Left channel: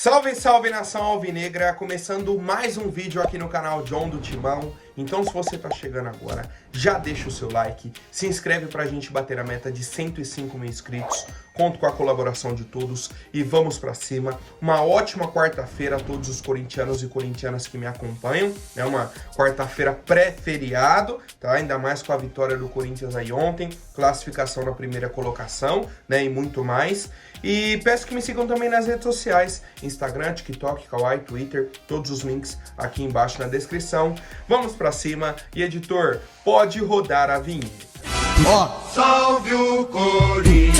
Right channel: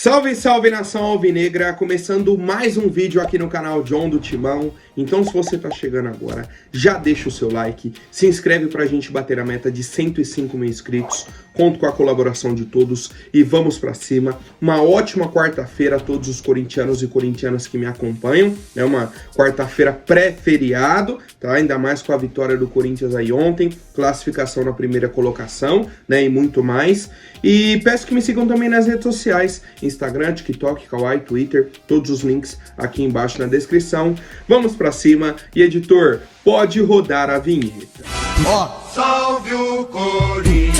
Salve, salve nação alvinegra, começando mais um vídeo aqui no canal John do Timão. Então se você tá chegando agora, já deixa o seu like, se inscreve pra gente bater a meta de 105 mil inscritos, conto com a colaboração de todos e vamos pra cima. Uma ótima quarta-feira a todos os corintianos e corintianas que me acompanham, é uma quarta-feira pré-feriado, tá? Ainda mais com a vitória do Corinthians aí ontem, classificação na primeira colocação, né, e muito mais. E peço que me sigam também nas redes sociais, Instagram, TikTok, Kawaii, Twitter, todos os links aqui embaixo na descrição. Vamos pra cima e editor, pode rodar a vinheta. Salve o Corinthians!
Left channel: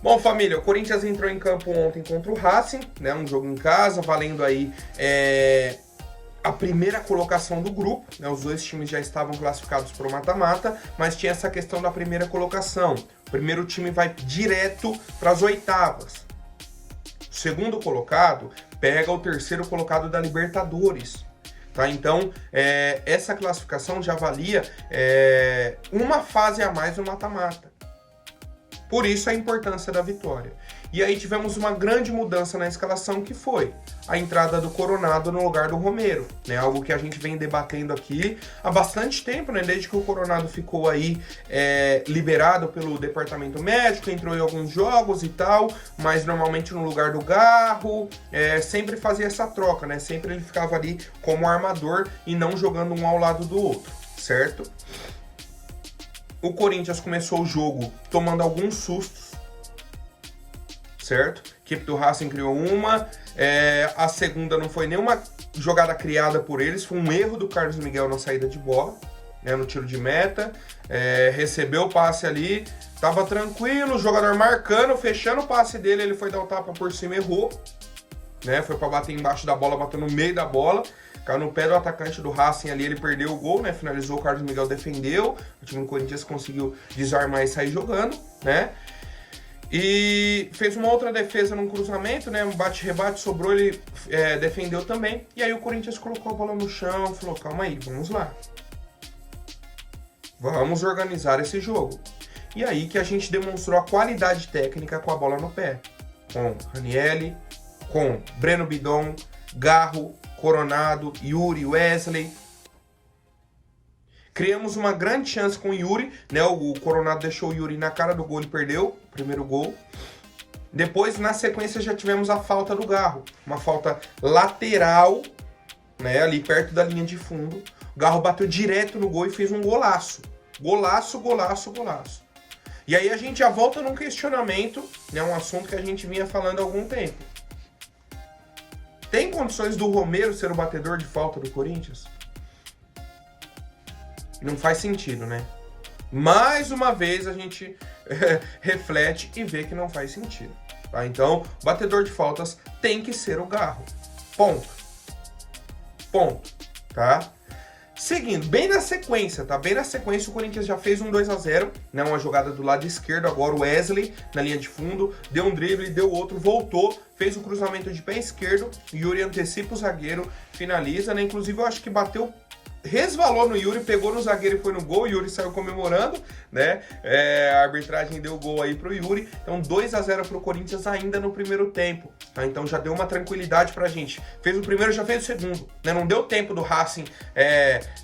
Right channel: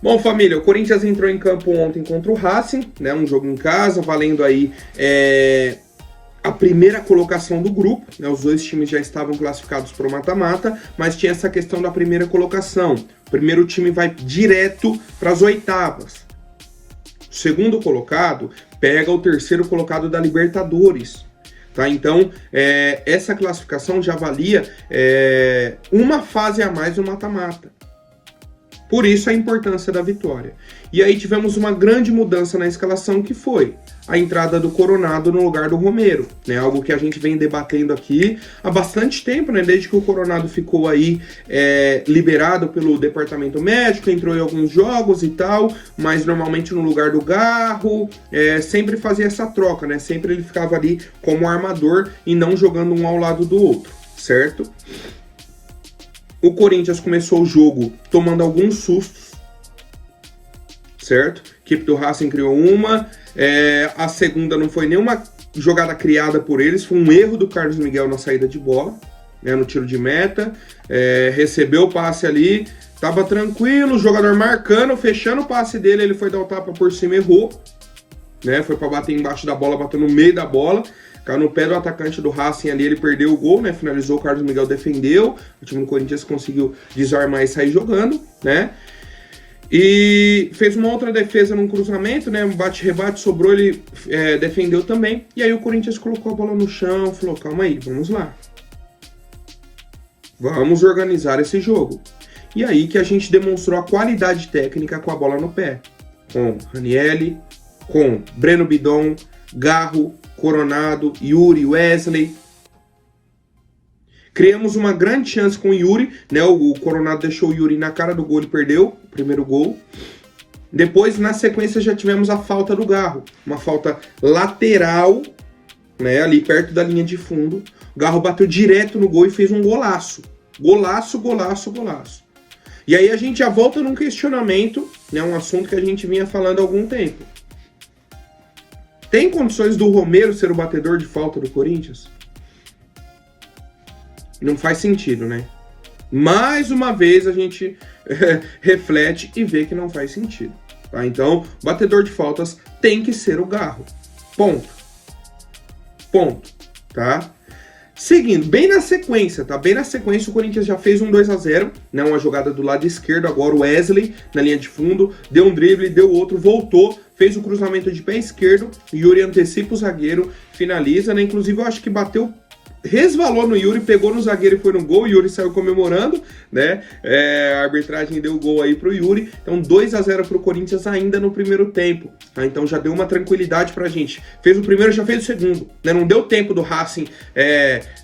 Bom, família, o Corinthians entrou em campo ontem contra o Racing, né, um jogo em casa, valendo aí a primeira colocação do grupo, né, os dois times já estavam classificados para o mata-mata, mas tinha essa questão da primeira colocação. O primeiro time vai direto para as oitavas. O segundo colocado pega o terceiro colocado da Libertadores. Tá? Então, essa classificação já valia uma fase a mais no mata-mata. Por isso a importância da vitória. E aí tivemos uma grande mudança na escalação, que foi a entrada do Coronado no lugar do Romero, né? Algo que a gente vem debatendo aqui há bastante tempo, né? Desde que o Coronado ficou aí liberado pelo departamento médico, entrou em alguns jogos e tal, mas normalmente no lugar do Garro, sempre fazia essa troca, né? Sempre ele ficava ali como armador e não jogando um ao lado do outro, certo? O Corinthians começou o jogo tomando alguns sustos, certo? A equipe do Racing criou uma, a segunda não foi nenhuma jogada criada por eles, foi um erro do Carlos Miguel na saída de bola, né, no tiro de meta, recebeu o passe ali, tava tranquilo, o jogador marcando, fechando o passe dele, ele foi dar o tapa por cima, errou, né, foi para bater embaixo da bola, bateu no meio da bola, caiu no pé do atacante do Racing ali, ele perdeu o gol, né? Finalizou, o Carlos Miguel defendeu, o time do Corinthians conseguiu desarmar e sair jogando, né? E fez uma outra defesa num cruzamento, né? Um bate-rebate, sobrou, ele defendeu também. E aí o Corinthians colocou a bola no chão, falou, calma aí, vamos lá. Vamos organizar esse jogo. E aí que a gente demonstrou a qualidade técnica com a bola no pé. Com Ranieri, com Breno Bidon, Garro, Coronado, Yuri, Wesley. Criamos uma grande chance com o Yuri, né? O Coronado deixou o Yuri na cara do gol e perdeu o primeiro gol. Depois, na sequência, já tivemos a falta do Garro. Uma falta lateral, né? Ali perto da linha de fundo. O Garro bateu direto no gol e fez um golaço. Golaço, golaço, golaço. E aí a gente já volta num questionamento, né? Um assunto que a gente vinha falando há algum tempo. Tem condições do Romero ser o batedor de falta do Corinthians? Não faz sentido, né? Mais uma vez a gente reflete e vê que não faz sentido. Tá? Então, o batedor de faltas tem que ser o Garro. Ponto. Ponto. Tá? Seguindo, bem na sequência, tá? Bem na sequência, o Corinthians já fez um 2-0, né? Uma jogada do lado esquerdo, agora o Wesley na linha de fundo, deu um drible, deu outro, voltou, fez o cruzamento de pé esquerdo, Yuri antecipa o zagueiro, finaliza, né? Inclusive eu acho que bateu, resvalou no Yuri, pegou no zagueiro e foi no gol, o Yuri saiu comemorando, né? A arbitragem deu gol aí pro Yuri, então 2-0 pro Corinthians ainda no primeiro tempo, tá? Então já deu uma tranquilidade pra gente. Fez o primeiro, já fez o segundo, né? Não deu tempo do Racing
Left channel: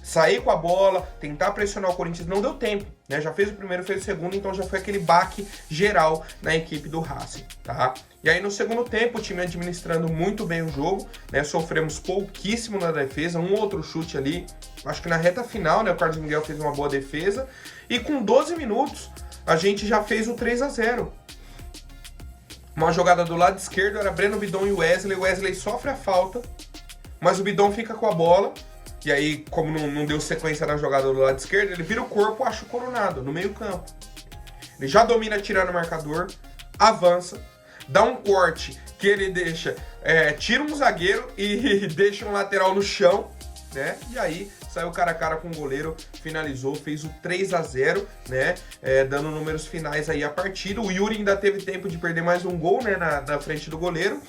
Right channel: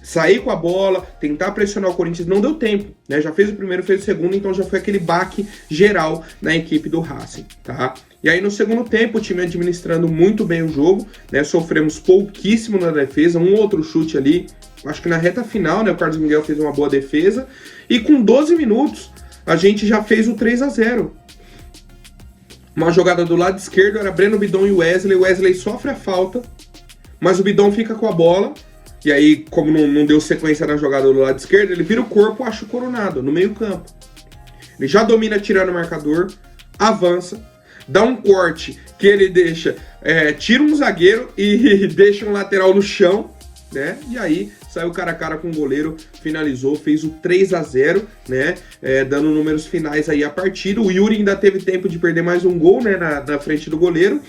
sair com a bola, tentar pressionar o Corinthians, não deu tempo, né? Já fez o primeiro, fez o segundo, então já foi aquele baque geral na equipe do Racing, tá? E aí no segundo tempo, o time administrando muito bem o jogo, né? Sofremos pouquíssimo na defesa, um outro chute ali, acho que na reta final, né? O Carlos Miguel fez uma boa defesa, e com 12 minutos, a gente já fez o 3-0. Uma jogada do lado esquerdo, era Breno Bidon e Wesley, o Wesley sofre a falta, mas o Bidon fica com a bola, e aí, como não deu sequência na jogada do lado esquerdo, ele vira o corpo, acha o Coronado, no meio campo. Ele já domina tirando o marcador, avança, dá um corte que ele deixa, tira um zagueiro e deixa um lateral no chão, né? E aí saiu cara a cara com o goleiro, finalizou, fez o 3-0, né? Dando números finais aí à partida. O Yuri ainda teve tempo de perder mais um gol, né? Na frente do goleiro.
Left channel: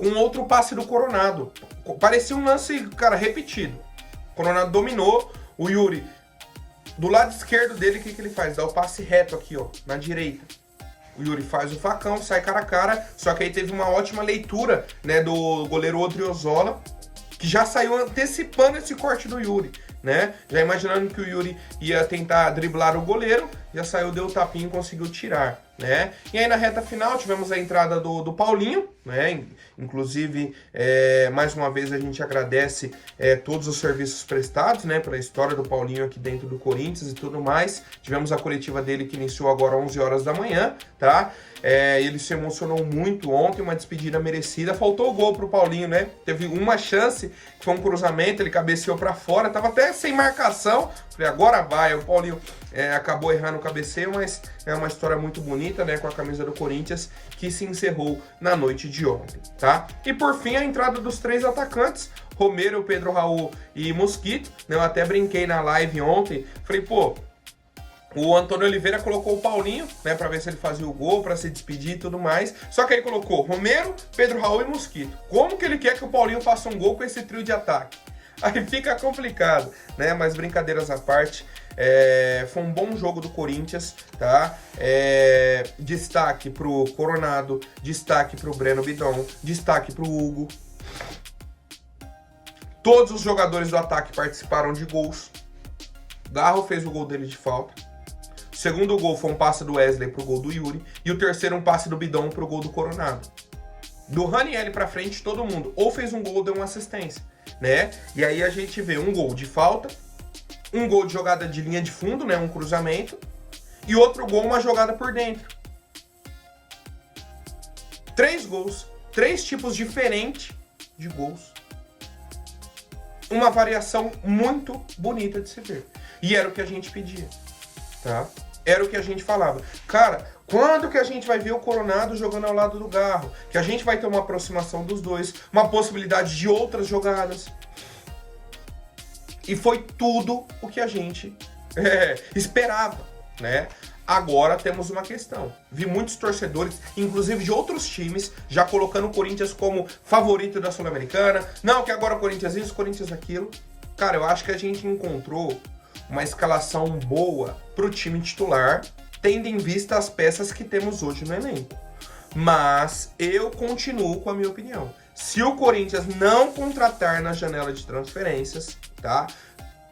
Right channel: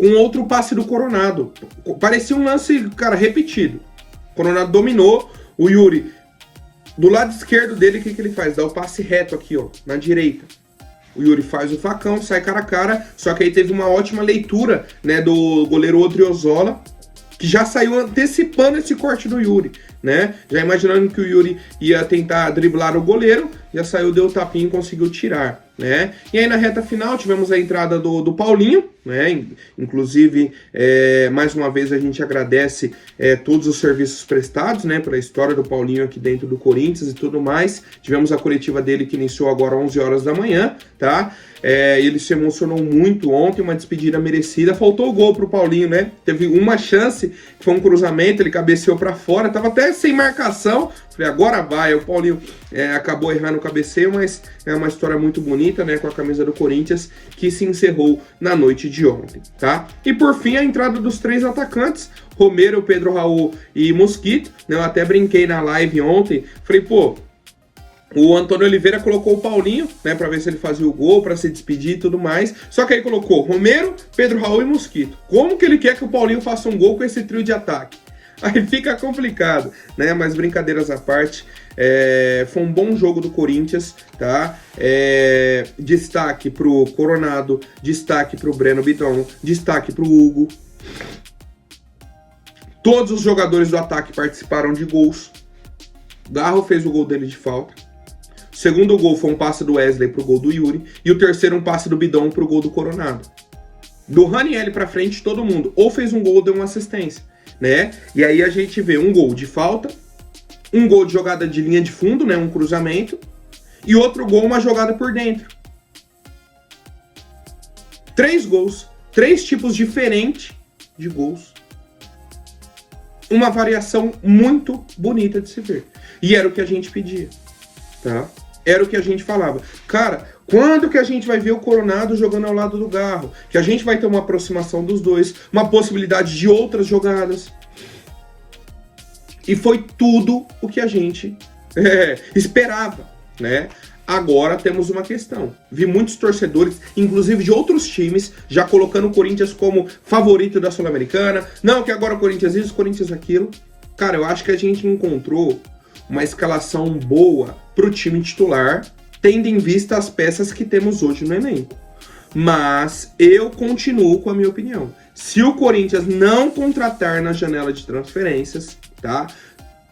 Um outro passe do Coronado. Parecia um lance, cara, repetido. O Coronado dominou, o Yuri, do lado esquerdo dele, o que ele faz? Dá o passe reto aqui, ó, na direita. O Yuri faz o facão, sai cara a cara, só que aí teve uma ótima leitura, né, do goleiro Odriozola, que já saiu antecipando esse corte do Yuri, né? Já imaginando que o Yuri ia tentar driblar o goleiro, já saiu, deu o tapinha e conseguiu tirar, né? E aí na reta final tivemos a entrada do Paulinho, né? Inclusive, mais uma vez a gente agradece todos os serviços prestados, né? Pela história do Paulinho aqui dentro do Corinthians e tudo mais. Tivemos a coletiva dele que iniciou agora às 11 horas da manhã, tá? Ele se emocionou muito ontem, uma despedida merecida. Faltou o gol pro Paulinho, né? Teve uma chance, que foi um cruzamento, ele cabeceou para fora, tava até sem marcação. Falei, agora vai. O Paulinho acabou errando o cabeceio, mas é uma história muito bonita, né? Com a camisa do Corinthians, que se encerrou na noite de ontem, tá? E por fim, a entrada dos 3 atacantes, Romero, Pedro Raul e Mosquito, né? Eu até brinquei na live ontem, falei, pô, o Antônio Oliveira colocou o Paulinho, né, pra ver se ele fazia o gol, pra se despedir e tudo mais. Só que aí colocou Romero, Pedro Raul e Mosquito. Como que ele quer que o Paulinho faça um gol com esse trio de ataque? Aí fica complicado, né? Mas brincadeiras à parte, foi um bom jogo do Corinthians, tá? Destaque pro Coronado, destaque pro Breno Bidon, destaque pro Hugo. Todos os jogadores do ataque participaram de gols. Garro fez o gol dele de falta. O segundo gol foi um passe do Wesley pro gol do Yuri. E o terceiro um passe do Bidon pro gol do Coronado. Do Ranieri pra frente, todo mundo ou fez um gol ou deu uma assistência, né? E aí a gente vê um gol de falta, um gol de jogada de linha de fundo, né? Um cruzamento. E outro gol, uma jogada por dentro. 3 gols, 3 tipos diferentes de gols. Uma variação muito bonita de se ver. E era o que a gente pedia, tá? Era o que a gente falava. Cara, quando que a gente vai ver o Coronado jogando ao lado do Garro? Que a gente vai ter uma aproximação dos dois, uma possibilidade de outras jogadas. E foi tudo o que a gente esperava, né? Agora temos uma questão. Vi muitos torcedores, inclusive de outros times, já colocando o Corinthians como favorito da Sul-Americana. Não, que agora o Corinthians isso, o Corinthians aquilo. Cara, eu acho que a gente encontrou uma escalação boa pro time titular, tendo em vista as peças que temos hoje no elenco. Mas eu continuo com a minha opinião. Se o Corinthians não contratar na janela de transferências, tá?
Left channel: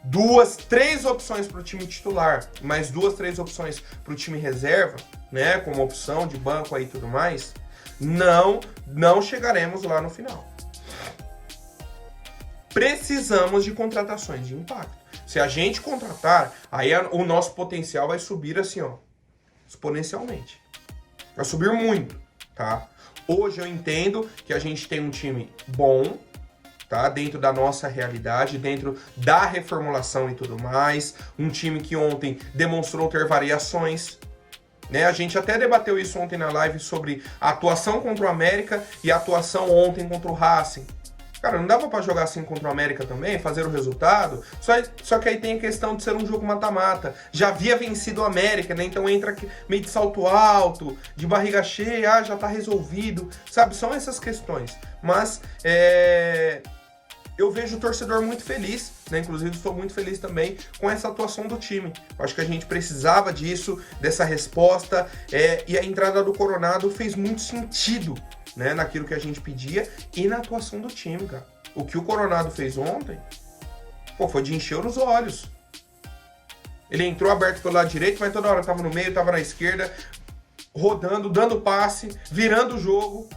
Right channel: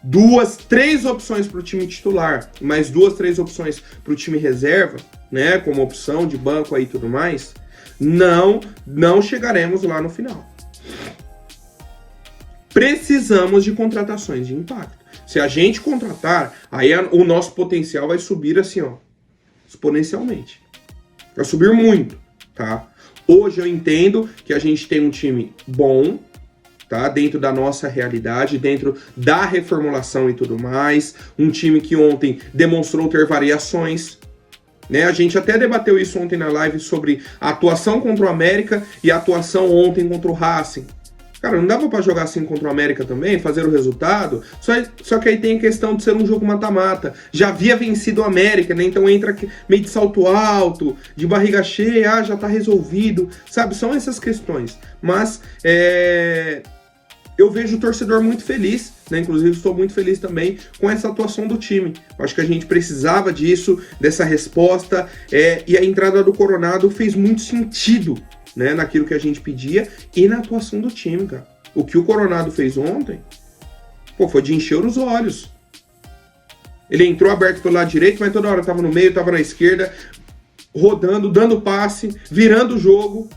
2, 3 opções para o time titular, mais 2, 3 opções para o time reserva, né, como opção de banco aí e tudo mais, não chegaremos lá no final. Precisamos de contratações de impacto. Se a gente contratar, aí o nosso potencial vai subir assim, ó, exponencialmente. Vai subir muito, tá? Hoje eu entendo que a gente tem um time bom, tá? Dentro da nossa realidade, dentro da reformulação e tudo mais. Um time que ontem demonstrou ter variações, né? A gente até debateu isso ontem na live sobre a atuação contra o América e a atuação ontem contra o Racing. Cara, não dava pra jogar assim contra o América também, fazer o resultado? Só que aí tem a questão de ser um jogo mata-mata. Já havia vencido o América, né? Então entra meio de salto alto, de barriga cheia, já tá resolvido. Sabe, são essas questões. Mas eu vejo o torcedor muito feliz, né? Inclusive estou muito feliz também com essa atuação do time. Eu acho que a gente precisava disso, dessa resposta. E a entrada do Coronado fez muito sentido, né, naquilo que a gente pedia e na atuação do time, cara. O que o Coronado fez ontem, foi de encher os olhos. Ele entrou aberto pelo lado direito, mas toda hora tava no meio, tava na esquerda, rodando, dando passe, virando o jogo.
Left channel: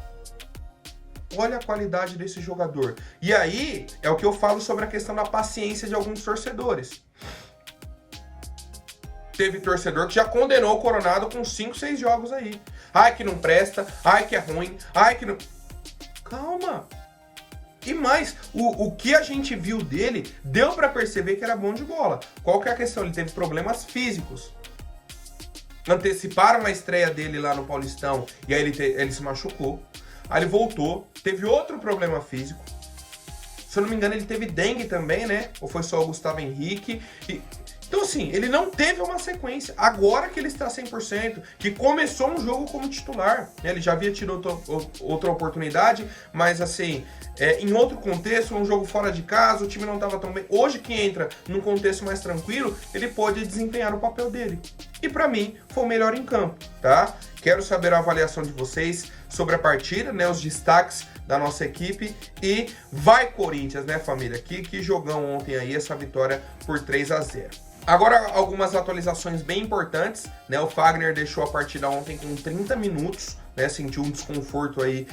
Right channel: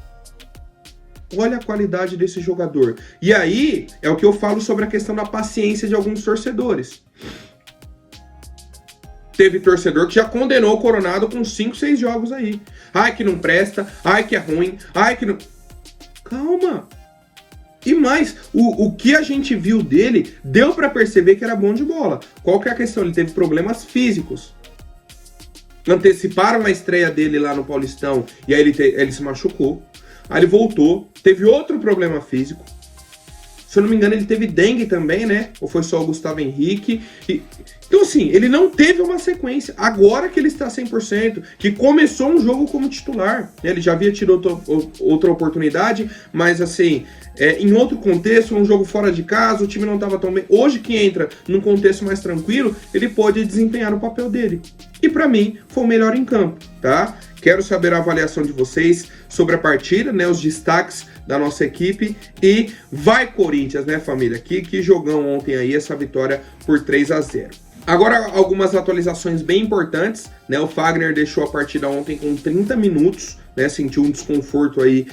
Olha a qualidade desse jogador. E aí, é o que eu falo sobre a questão da paciência de alguns torcedores. Teve torcedor que já condenou o Coronado com 5, 6 jogos aí. Ai, que não presta. Ai, que é ruim. Ai, que não... Calma. E mais, o que a gente viu dele, deu pra perceber que era bom de bola. Qual que é a questão? Ele teve problemas físicos. Anteciparam a estreia dele lá no Paulistão e aí ele se machucou. Aí ele voltou, teve outro problema físico. Se eu não me engano, ele teve dengue também, né? Ou foi só o Gustavo Henrique? Então, assim, ele não teve uma sequência. Agora que ele está 100%, que começou um jogo como titular, né? Ele já havia tido outra oportunidade, mas, assim, em outro contexto, um jogo fora de casa, o time não estava tão bem. Hoje que entra num contexto mais tranquilo, ele pode desempenhar o papel dele. E, para mim, foi o melhor em campo, tá? Quero saber a avaliação de vocês sobre a partida, né? Os destaques da nossa equipe e vai Corinthians, né, família? Que jogão ontem aí, essa vitória por 3-0. Agora, algumas atualizações bem importantes, né? O Fagner deixou a partida ontem com 30 minutos, né? Sentiu um desconforto aí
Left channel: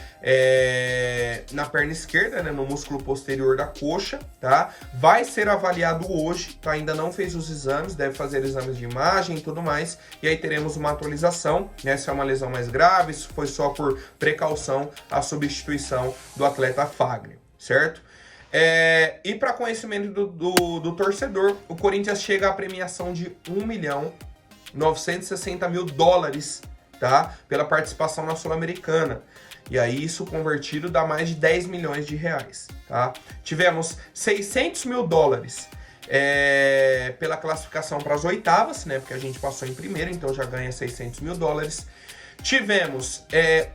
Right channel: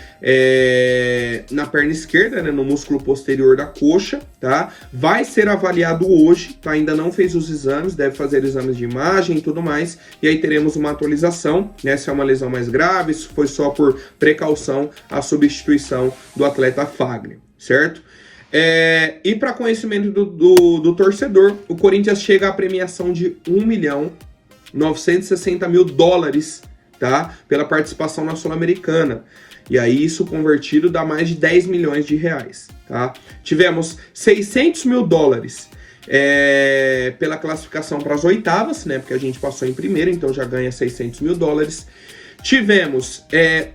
na perna esquerda, né? No músculo posterior da coxa, tá? Vai ser avaliado hoje, tá? Ainda não fez os exames, deve fazer exames de imagem e tudo mais, e aí teremos uma atualização, né? Se é uma lesão mais grave, se foi só por precaução a substituição do atleta Fagner, certo? E para conhecimento do torcedor, o Corinthians chega à premiação de $1.960.000, tá? Pela participação na Sul-Americana. E aí isso convertido dá mais de 10 milhões de reais, tá? Tivemos $600 mil pela classificação para as oitavas, né? Porque a gente passou em primeiro, então já ganha $600 mil. Tivemos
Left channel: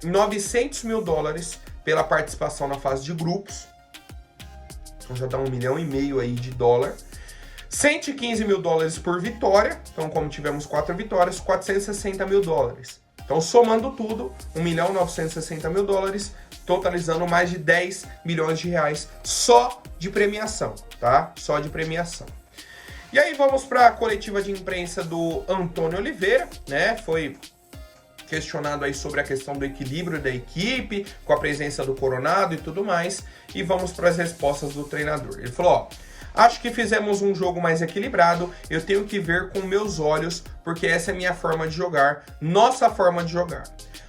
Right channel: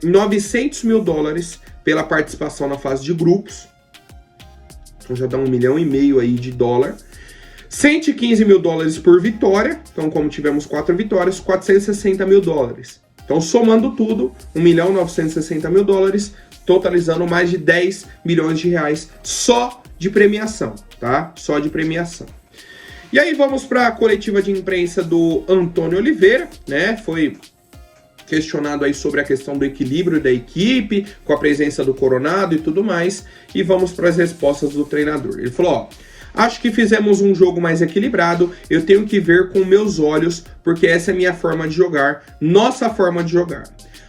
$900 mil pela participação na fase de grupos. Então já dá $1,5 milhão aí de dólar. $115 mil por vitória. Então, como tivemos 4 vitórias, $460 mil. Então, somando tudo, $1.960.000, totalizando mais de 10 milhões de reais só de premiação, tá? Só de premiação. E aí vamos para a coletiva de imprensa do Antônio Oliveira, né? Foi questionado aí sobre a questão do equilíbrio da equipe, com a presença do Coronado e tudo mais, e vamos para as respostas do treinador. Ele falou, ó, acho que fizemos um jogo mais equilibrado, eu tenho que ver com meus olhos, porque essa é a minha forma de jogar, nossa forma de jogar.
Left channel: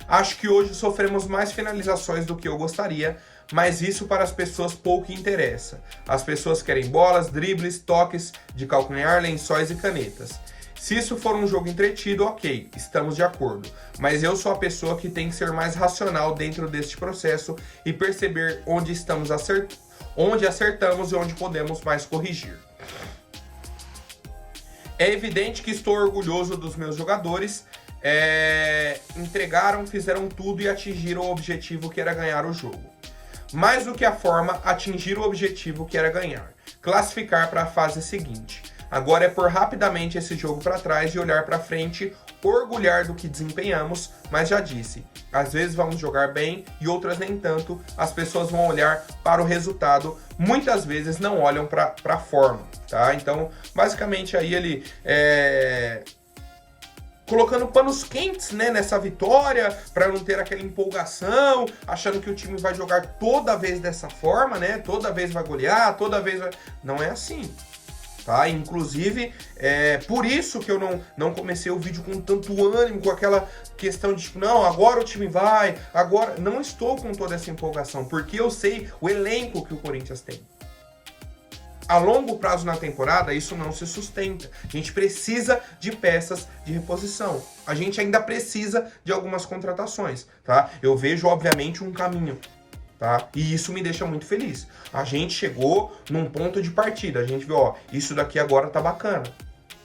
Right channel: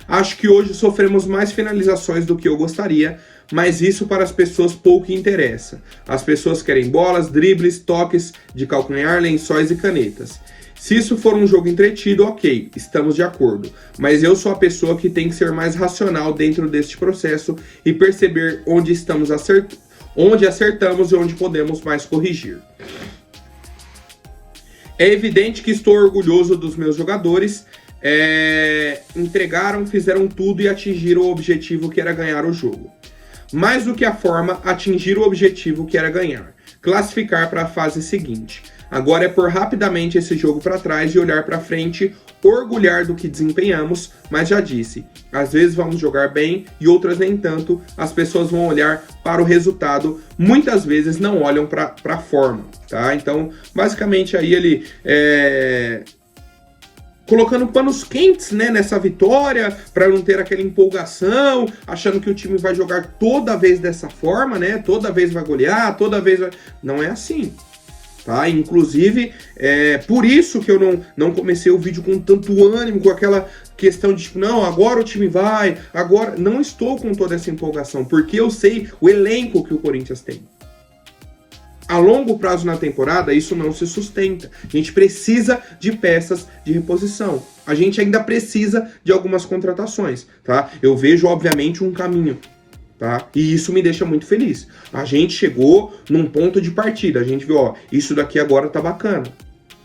Acho que hoje sofremos mais finalizações do que eu gostaria, mas isso para as pessoas pouco interessa. As pessoas querem bolas, dribles, toques de calcanhar, lençóis e canetas. Se isso for um jogo entretido, ok, estamos de acordo. Mas eu sou a pessoa que tem que ser mais racional dentro deste processo e perceber onde estamos onde acertamos e onde podemos mais corrigir. É evidente que estou orgulhoso dos meus jogadores. Entregaram, fizeram tudo e atingiram o objetivo que era ganhar o jogo. Mais do que a forma, atingir o objetivo que era ganhar. Classificar para a fase seguinte. Agora é pôr rapidamente esse jogo para trás e olhar para frente, orgulhar do que desempenhamos, mas já disse, às vezes vamos jogar bem e outras nem tanto, as pessoas vão olhar para o resultado, muitas vezes não olham para a forma, tá? Então, basicamente aí ele colocando panos quentes, né, nessa vitória, para não ter aquela empolgação, achando que o time vai jogar toda vez dessa forma, né, toda vez vai golear, toda vez vai... Não é assim. Tá? Inclusive, por isso que eu não comecei o vídeo com tanto ânimo, com aquela questão de, tipo, não, agora o time vai, agora... Não estou com toda essa empolgação, porque eu sei o elenco que o Corinthians tem. A longo prazo na temporada, isso não se sustenta. A gente precisa de peças de reposição. A gente ainda precisa de algumas contratações, tá? Eu vejo, obviamente, um caminho. Tá? E isso me deixa muito feliz. A gente chegou num ponto de partida. A gente viu, ó, isso daqui agora tá bacana.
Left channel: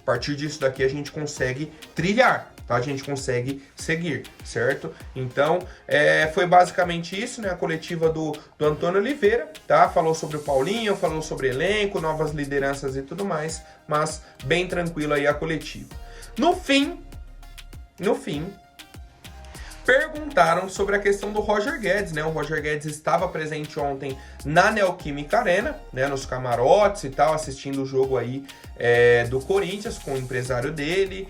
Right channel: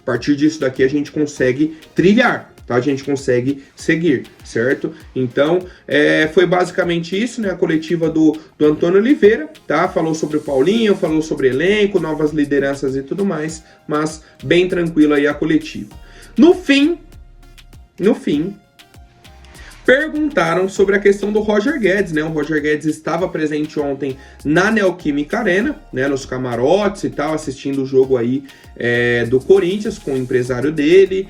A partir disso daqui a gente consegue trilhar, tá? A gente consegue seguir, certo? Então, foi basicamente isso, né? A coletiva do Antônio Oliveira, tá? Falou sobre o Paulinho, falou sobre elenco, novas lideranças e tudo mais, mas bem tranquilo aí a coletiva. No fim, perguntaram sobre a questão do Roger Guedes, né? O Roger Guedes estava presente ontem na Neoquímica Arena, né? Nos camarotes e tal, assistindo o jogo aí do Corinthians com o empresário dele.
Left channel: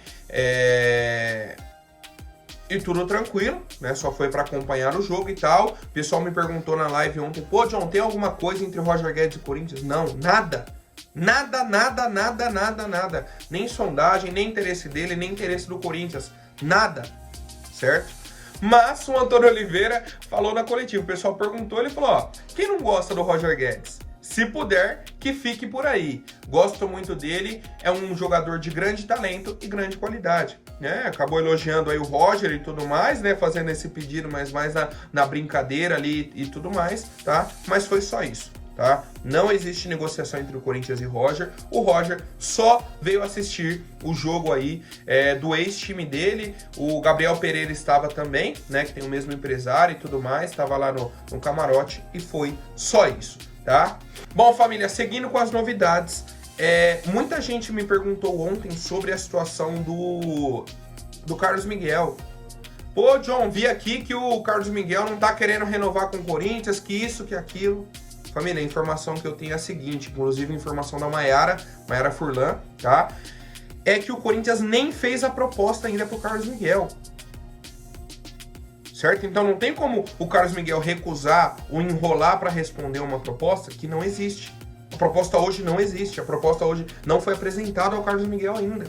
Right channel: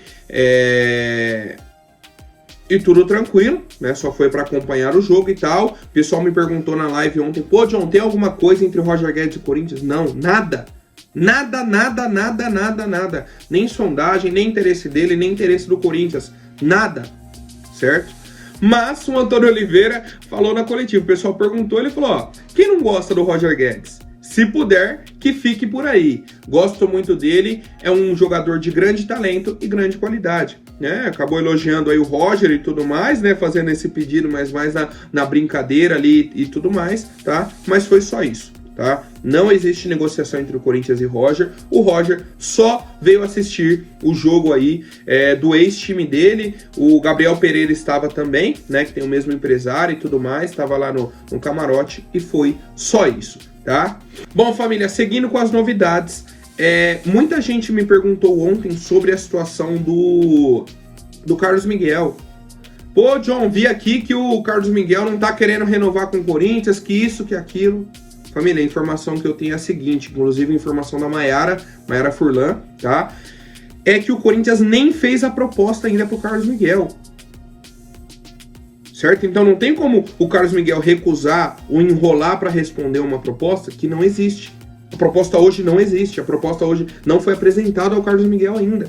E tudo tranquilo, né? Só foi para acompanhar o jogo e tal. O pessoal me perguntou na live ontem, pô, John, tem alguma coisa entre o Roger Guedes e o Corinthians? Não, nada. Nada. Nem sondagem, nem interesse dele, nem interesse do Corinthians. Nada, certo? Mas o Antônio Oliveira falou na coletiva, o pessoal perguntou, ele falou, ó, quem não gosta do Roger Guedes? Se puder, que fique por aí. Gosto muito dele, é um jogador de grande talento e grande qualidade. Né? Acabou elogiando aí o Roger e tudo mais, né? Fazendo esse pedido, mas mais na brincadeira ali e tudo mais, tá? Mas foi só isso. tá? Não existe negociação entre o Corinthians e Roger. O Roger só veio assistir o jogo aí do ex-time dele. O Gabriel Pereira estava também, né? Que tem o mesmo empresário e tudo mais. Estava lá no camarote e foi só isso, tá? Bom, família, seguindo com as novidades. Muita gente me perguntou ontem sobre a situação do Carlos Miguel. Pô, John, vi aqui que o Carlos Miguel não tá querendo renovar com o Corinthians, que isso, que aquilo. Família, a informação que eu tenho é a seguinte, inclusive a informação da Maiara Furlan, tá? É que o Corinthians nem fez a proposta ainda pro Carlos Miguel. Certo? Então não tem como o Carlos Miguel recusar ou enrolar para responder uma proposta que não existe. A proposta hoje não existe, a proposta hoje não foi apresentada ao Carlos Miguel ainda,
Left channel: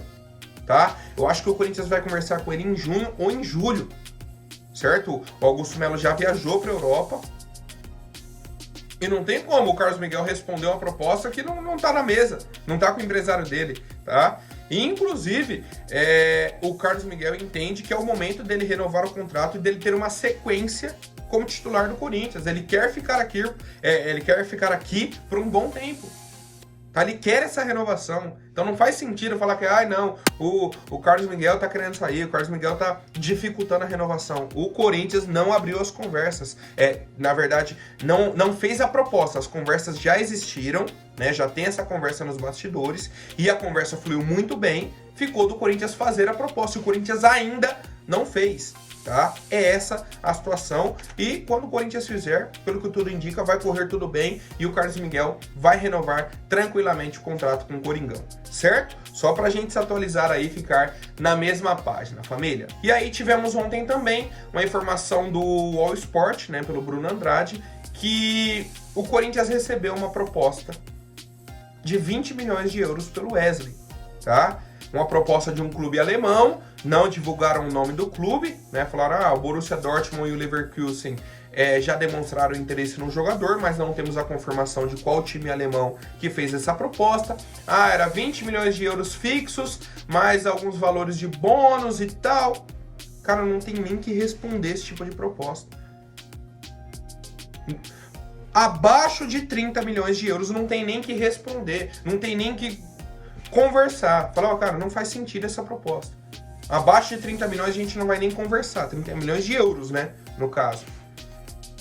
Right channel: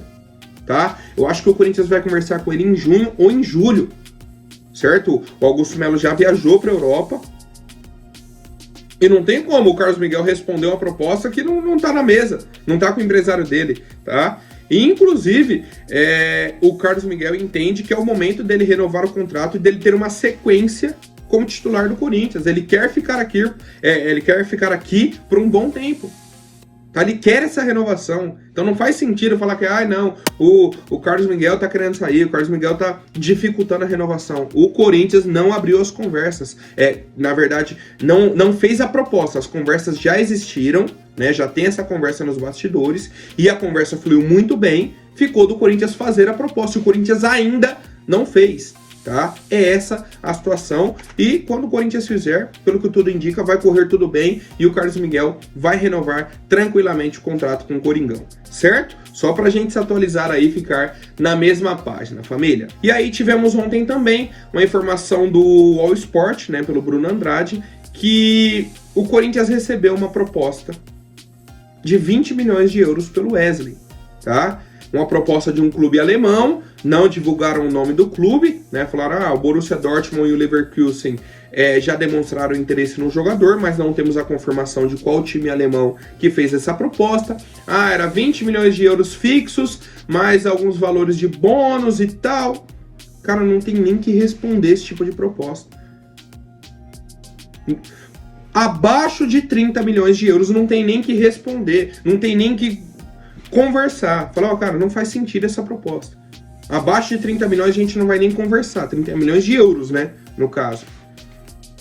tá? Eu acho que o Corinthians vai conversar com ele em junho ou em julho, certo? O Augusto Melo já viajou para a Europa e não tem como o Carlos Miguel responder uma proposta que não tá na mesa, não tá com o empresário dele, tá? E, inclusive, o Carlos Miguel entende que é o momento dele renovar o contrato e dele ter uma sequência como titular do Corinthians. Ele quer ficar aqui por um bom tempo. Tá? Ele quer essa renovação. Então não faz sentido falar que não, o Carlos Miguel tá querendo sair, o Carlos Miguel tá dificultando a renovação. O Corinthians não abriu as conversas. Na verdade, não fez a proposta. As conversas já existiram, né? Já tem essa conversa nos bastidores e a conversa fluiu muito bem. Ficou do Corinthians fazer a proposta. E o Corinthians ainda não fez. Tá? É essa a situação e quando o Corinthians fizer, pelo que tudo indica, vai correr tudo bem e o Carlos Miguel vai renovar tranquilamente o contrato com o Coringão, certo? Só pra gente se atualizar aí e ficar na mesma página, família. E aí tivemos ontem também uma informação do All Sport, né, pelo Bruno Andrade, que o Corinthians recebeu uma proposta de 20 milhões de euros pelo Wesley, tá? Uma proposta de um clube alemão, não divulgaram o nome do clube, né? Falaram, o Borussia Dortmund e o Leverkusen já demonstraram interesse no jogador, mas não temos a confirmação de qual time alemão que fez essa proposta. Era 20 milhões de euros fixos, mais alguns valores de bônus e tal. Cara, não tem nem que responder esse tipo de proposta. Abaixo de 30 milhões de euros não tem nem que responder, não tem nem que conversar. Falar, cara, não faz sentido essa proposta. Abaixo de 30 milhões a gente não vai nem conversar. 30 milhões de euros, né? No caso.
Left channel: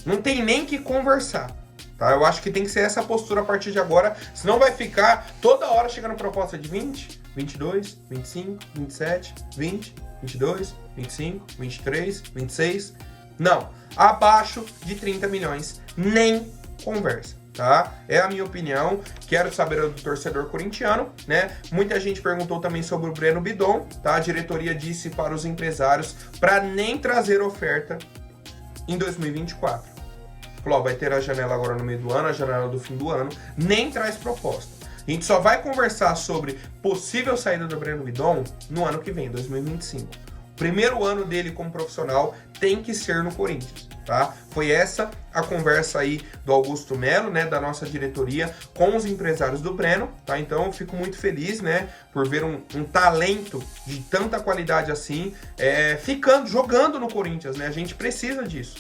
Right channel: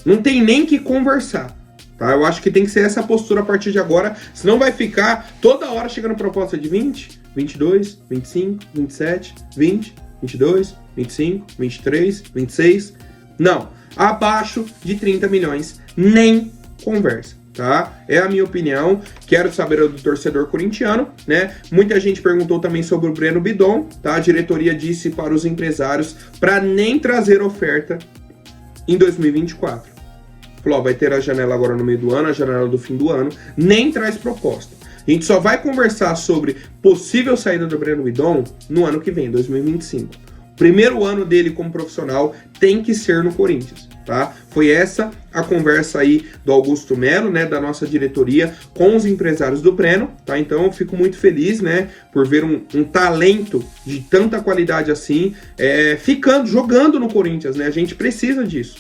Não tem nem que conversar. Tá? Eu acho que tem que ser essa postura a partir de agora. Senão vai ficar toda hora chegando proposta de 20, 22, 25, 27, 20, 22, 25, 23, 26. Não. Abaixo de 30 milhões, nem conversa. Tá? É a minha opinião, quero saber do torcedor corintiano, né? Muita gente perguntou também sobre o Breno Bidon, tá? A diretoria disse para os empresários para nem trazer oferta em 2024. Falou, vai ter a janela agora no meio do ano, a janela do fim do ano, nem traz proposta. A gente só vai conversar sobre possível saída do Breno Bidon no ano que vem, 2025. O primeiro ano dele como profissional tem que ser no Corinthians. Tá? Foi essa a conversa aí do Augusto Melo, né, da nossa diretoria com os empresários do Breno, tá? Então eu fico muito feliz, né, por ver um talento de tanta qualidade assim, jogando no Corinthians, né? A gente precisa disso,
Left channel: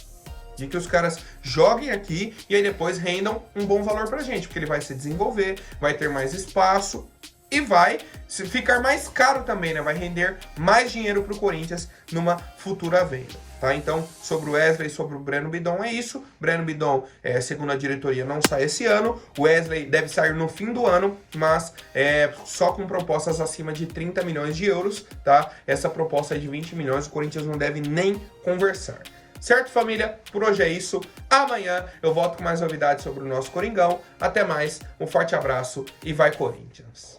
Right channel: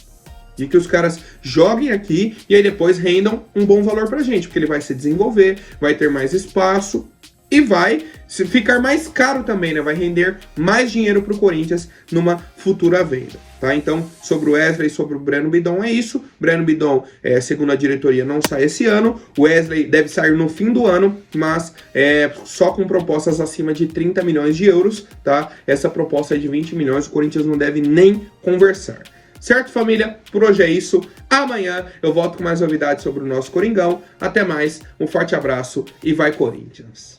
de que os caras joguem aqui e aí depois rendam um bom valor pra gente, porque ele vai se desenvolver, vai ter mais espaço e vai ficar mais caro também, né? Vai render mais dinheiro pro Corinthians numa futura venda. Tá? Então, sobre o Wesley e sobre o Breno Bidon é isso. Breno Bidon, segundo a diretoria, não sai esse ano. O Wesley deve sair no fim do ano, mas só com propostas acima de 30 milhões de euros. Tá? Essa proposta é de 20 milhões, o Corinthians não deve nem conversar. Certo, família? Por hoje é isso. Amanhã eu volto com mais novidades sobre o nosso Coringão. Até mais, um forte abraço e vai Corinthians!